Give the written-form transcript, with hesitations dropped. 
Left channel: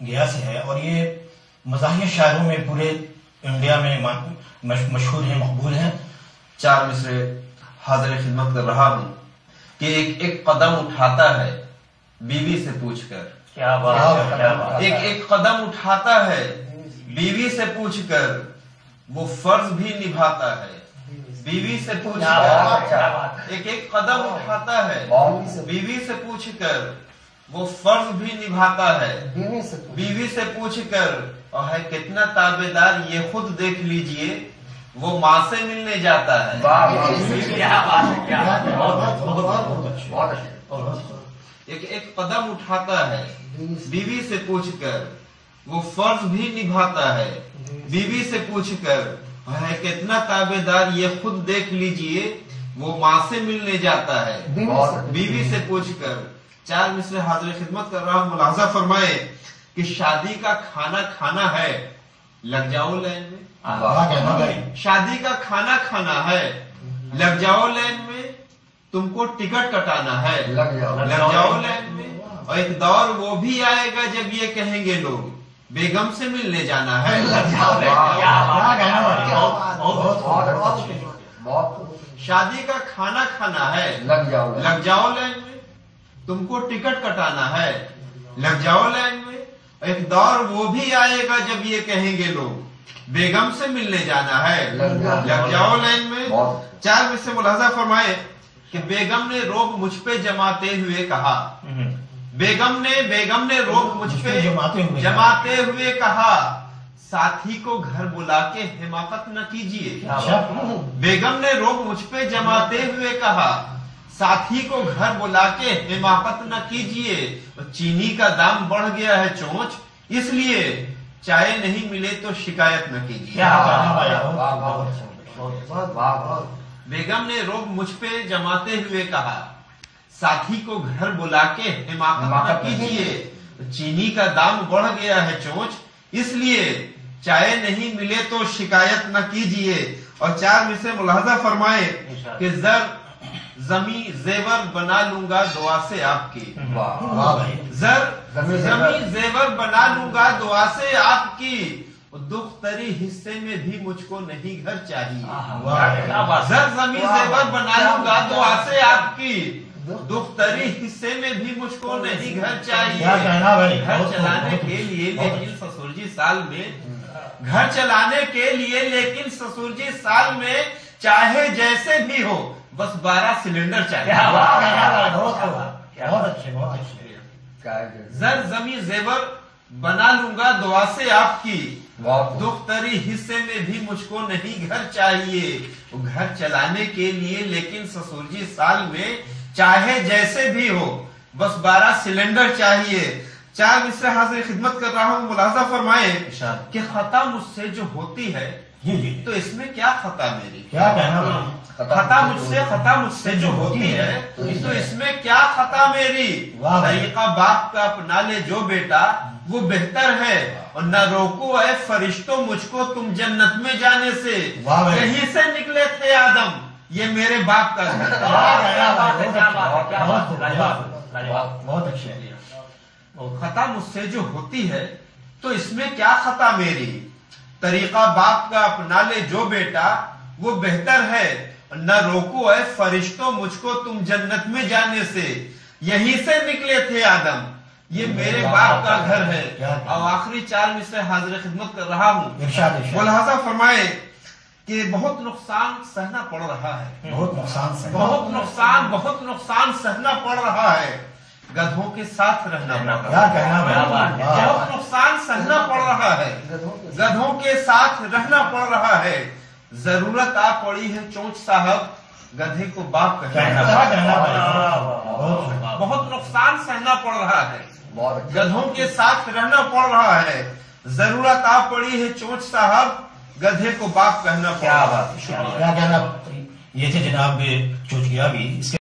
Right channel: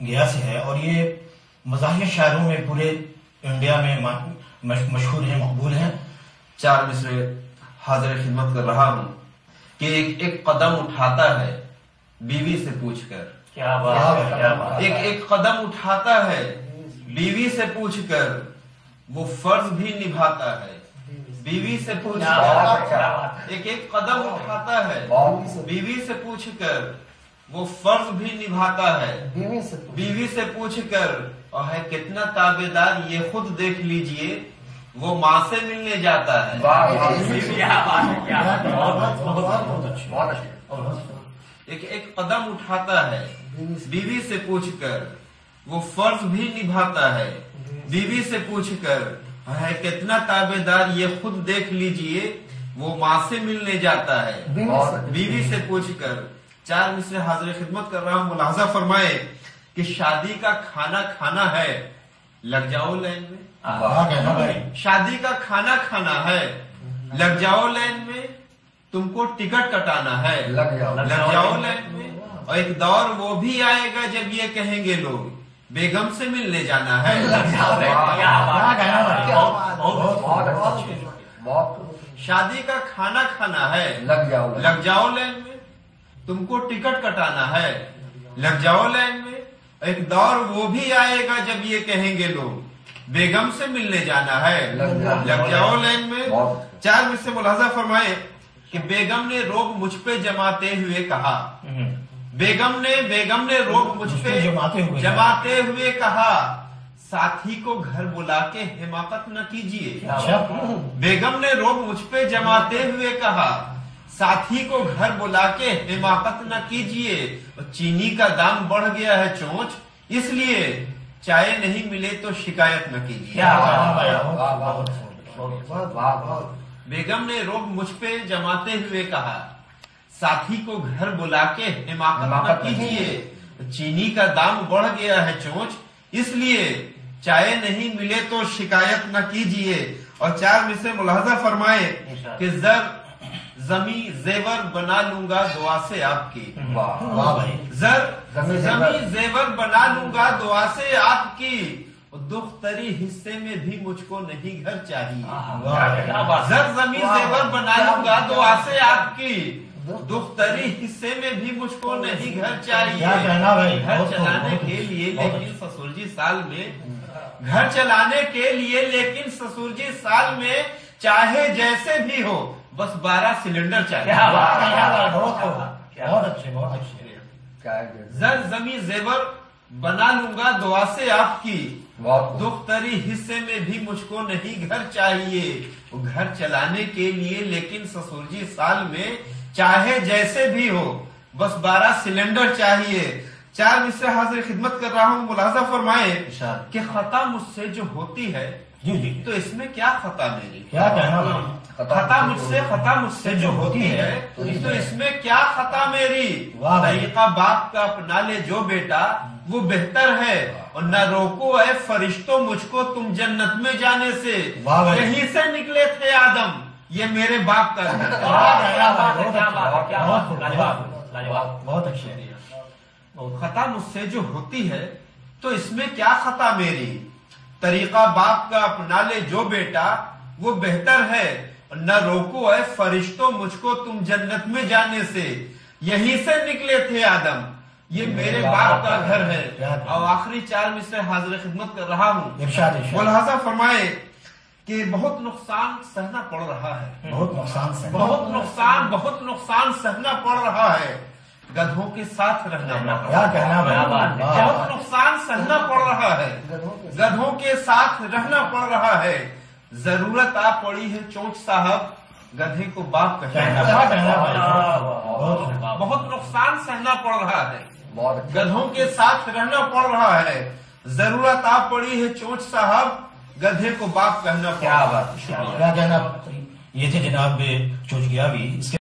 گیا سے ہے اور یہ مزاحیہ شاعروں میں پورے انڈیا میں مشہور ہیں، مقبول ہیں۔ 4 مصرے حاضر خدمت کر رہا ہوں کہ ایک قدم اٹھاتا ہے بیوی سے پوچھ کر، کیا بات ہے، کیا بات ہے۔ ایک قدم اٹھاتا ہے بیوی سے پوچھ کر، وہ فرض بھی نبھاتا ہے بیوی سے پوچھ کر، ایک قدم اٹھاتا ہے بیوی سے پوچھ کر، وہ فرض بھی نبھاتا ہے بیوی سے پوچھ کر، اور ہے کتنا تابعدار یہ خود دیکھ لیجئے، وہ ماں سے ملنے جاتا ہے۔ ایک قدم اٹھاتا ہے بیوی سے پوچھ کر، وہ فرض بھی نبھاتا ہے بیوی سے پوچھ کر، ہے کتنا تابعدار یہ خود دیکھ لیجئے، وہ ماں سے ملنے جاتا ہے بیوی سے پوچھ کر۔ 4 مصرے حاضر خدمت کر رہا ہوں، ملاحظہ فرمائے کہ شادی کا کھانا کھانا ہے، لگ جاؤ لین میں۔ شادی کا کھانا کھانا ہے، لگ جاؤ لین میں، تم کو ٹکٹ کٹانا ہے، لگ جاؤ لین میں۔ اور ایک دور وہ بھی آئے گا جب یہ کہیں گے لوگ، بیگم سے ملنے جانا ہے، لگ جاؤ لین میں۔ شادی کا کھانا کھانا ہے، لگ جاؤ لین میں، تم کو ٹکٹ کٹانا ہے، لگ جاؤ لین میں۔ ایک دور وہ بھی آئے گا جب یہ کہیں گے لوگ، بیگم سے ملنے جانا ہے، لگ جاؤ لین میں۔ 4 میں سے ملاحظہ فرمائے کہ بیگم نے روب مجھ پہ جماتے ہوئے کہا، بیگم نے روب مجھ پہ جماتے ہوئے کہا، ساتھی کو گھر بلا کے حماقت نہ کیجیے۔ بیگم نے روب مجھ پہ جماتے ہوئے کہا، ساتھی کو گھر بلا کے حماقت نہ کیجیے، چینی کا دام بڑھ گیا ہے چونچ، اس لیے چائے نہیں ملے تو شکایت نہ کیجیے۔ بیگم نے روب مجھ پہ جماتے ہوئے کہا، ساتھی کو گھر بلا کے حماقت نہ کیجیے، چینی کا دام بڑھ گیا ہے چونچ، اس لیے چائے نہیں ملے تو شکایت نہ کیجیے۔ اور 4 میں سے ملاحظہ فرمائے کہ زمیں زیور بنا لوں گا دعا سے آپ کی، زمیں زیور بنا لوں گا دعا سے آپ کی، دختری حصے میں بھی مجھ کو نہیں گھر چاہیے۔ زمیں زیور بنا لوں گا دعا سے آپ کی، دختری حصے میں بھی مجھ کو نہیں گھر چاہیے۔ گھر چلانے کے لیے لیکن سسر جی سال میں، گھر چلانے کے لیے لیکن سسر جی سال میں، چاہے جیسے بھی ہو بس 12 سلنڈر چاہیے۔ زمیں زیور بنا لوں گا دعا سے آپ کی، دختری حصے میں بھی مجھ کو نہیں گھر چاہیے۔ گھر چلانے کے لیے لیکن سسر جی سال میں، چاہے جیسے بھی ہو بس 12 سلنڈر چاہیے۔ 4 مصرے حاضر خدمت کر رہا ہوں، ملاحظہ فرمائے کہ خطا مجھ سے جو ہوتی ہے تو اس میں کیا خطا میری، خطا مجھ سے جو ہوتی ہے تو اس میں کیا خطا میری، طریقہ باپ کا اپنا لے جو بیٹا وہ بہتر ہے، اور نہ روکو اے فرشتوں مجھ کو تم جنت میں جانے سے، یہیں سے نکلے تھے آدم یہ میرے باپ کا گھر۔ بہت اچھا۔ خطا مجھ سے جو ہوتی ہے تو اس میں کیا خطا میری، طریقہ باپ کا اپنا لے جو بیٹا وہ بہتر ہے، نہ روکو اے فرشتوں مجھ کو تم جنت میں جانے سے، یہیں سے نکلے تھے آدم یہ میرے باپ کا گھر ہے۔ اور آخری 4 مصرے حاضر خدمت کر رہا ہوں، ملاحظہ فرمائے کہ بہت نقصان سہنا پڑ رہا ہے، بہت نقصان سہنا پڑ رہا ہے، گدھوں کے ساتھ رہنا پڑ رہا ہے، بہت نقصان سہنا پڑ رہا ہے، گدھوں کے ساتھ رہنا پڑ رہا ہے، ضرورت آ پڑی ہے چونچ صاحب گدھے کو باپ کہنا، بہت نقصان سہنا پڑ رہا ہے، گدھوں کے ساتھ رہنا پڑ رہا ہے، ضرورت آ پڑی ہے چونچ صاحب گدھے کو باپ کہنا پڑ رہا ہے۔ یہ تھے جناب چوچ گیا بھی